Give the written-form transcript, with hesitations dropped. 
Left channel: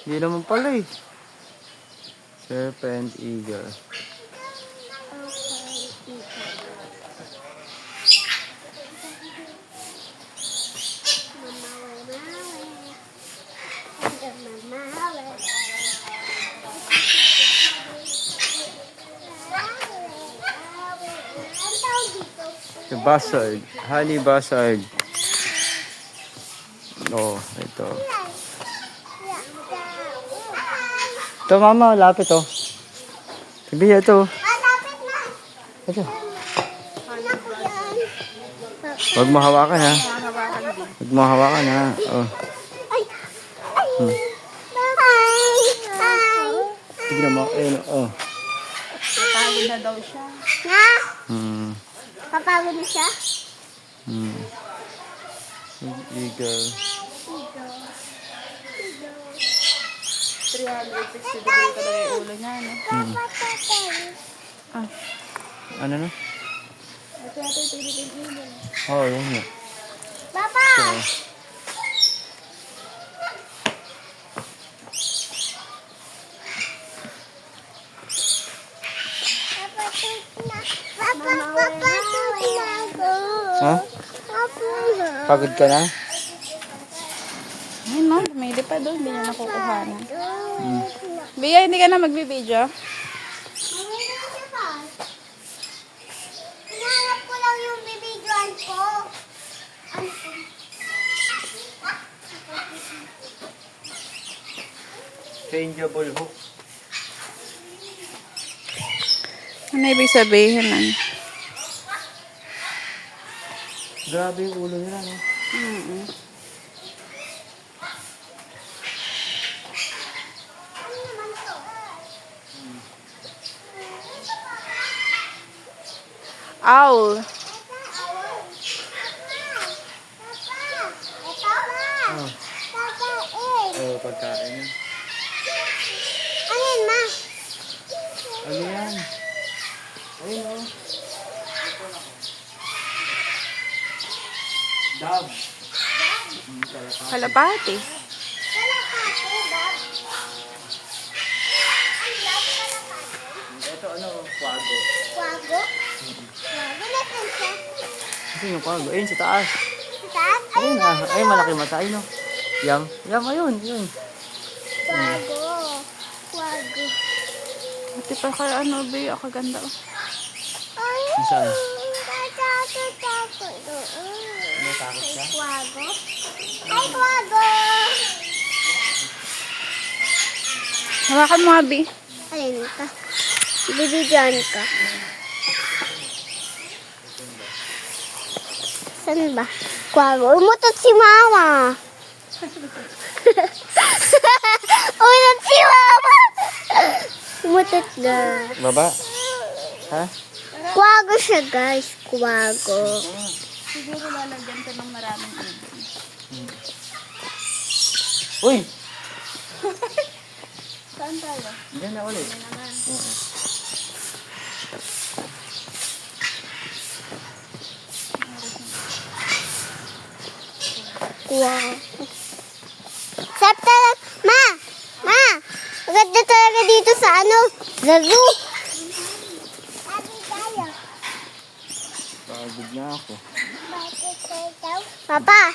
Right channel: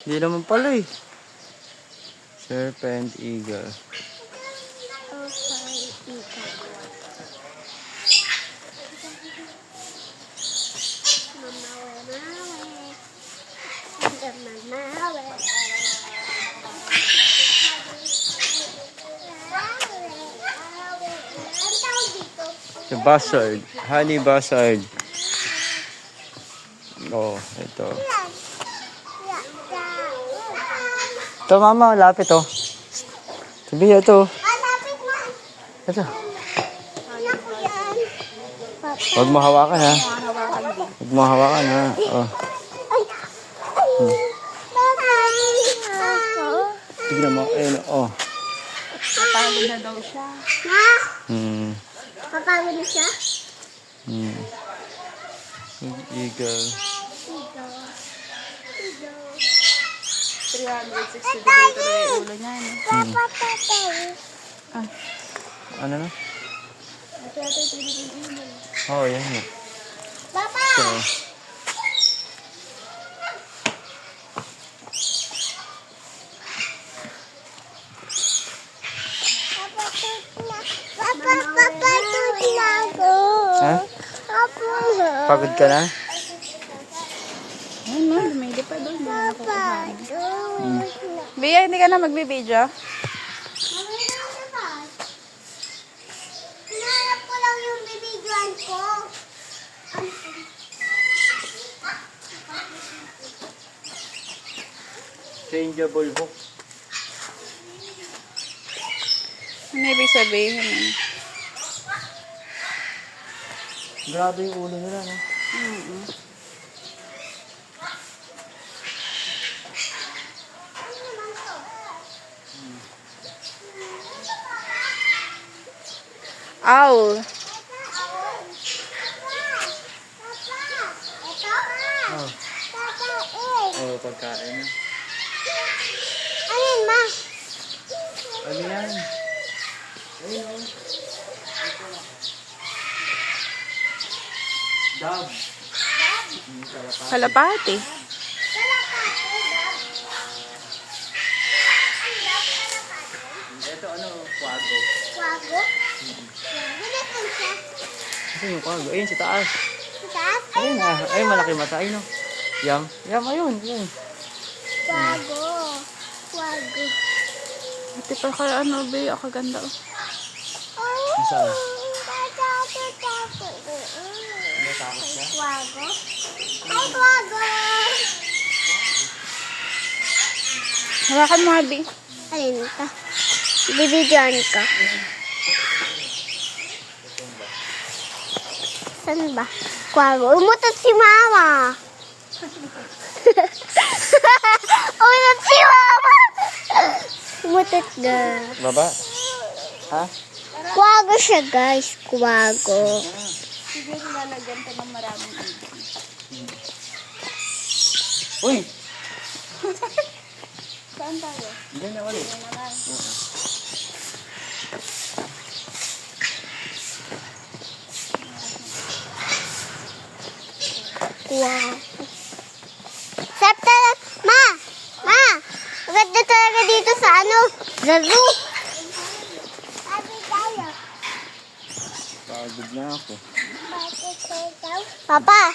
Hindi naman pala eh. Serpent eagle. The buzzard. Honey buzzard. Oh, ito. Ito mama, lapit oh. Sabi ito. Ito. Huwag mo hawakan ha. Huwag mo hawakan ha. Oh. Tignan mo. Ayun oh. Papagod na daw siya. Papagod na siya? Eagle. 360 degree talaga yung ulo niya, no? Ah. Ano na? Papa! Oh, yan yun. Papa! So, ha? Pagod ka na? Ayun, no? Bumili pa doon. Hindi na nakukuha na. Bia, hindi ka na magbibideo? Hinahanap ko lang yung bibidyoan ko. Changeable hook. Ano ibig sabihin, ano? Grabe yung ulo nila, no? Owl. Oh, oh pagkain na. Ano yun, ma? Ano yan? Ayun, oh. Dab. Kalapati. Ito ano, kwago. Kwago? Kwago na siya. Ito yung kwago. Ayun, sa taas. Sa taas? Ayun ah. Ayun, malaki mata. Ayun, oh. Yam. Yam, ayun. Yun. Kwago. Kwago. Ati pa kaya ano, Bia, kaganda, oh. Saan? Takot. Natakot ka? Kwago? Ay, kwago! Hawakan mo, Abi. Ayun ito. Bibidyoan ka. Saan ba? Kwago. Umutot si mama. Umutot si mama. Umutot ga. Baba. Ha? Kwago siya, guys. Kwago. Siguro na nagyan ka ng maraming ibon. Uy! Saan tayo? Diyan na ulit. Naman. Kwago. Sarap talaga. Ma! Maganda talaga dito sa ano? Laro. Sabi tayo. Pagod na ako. Papa,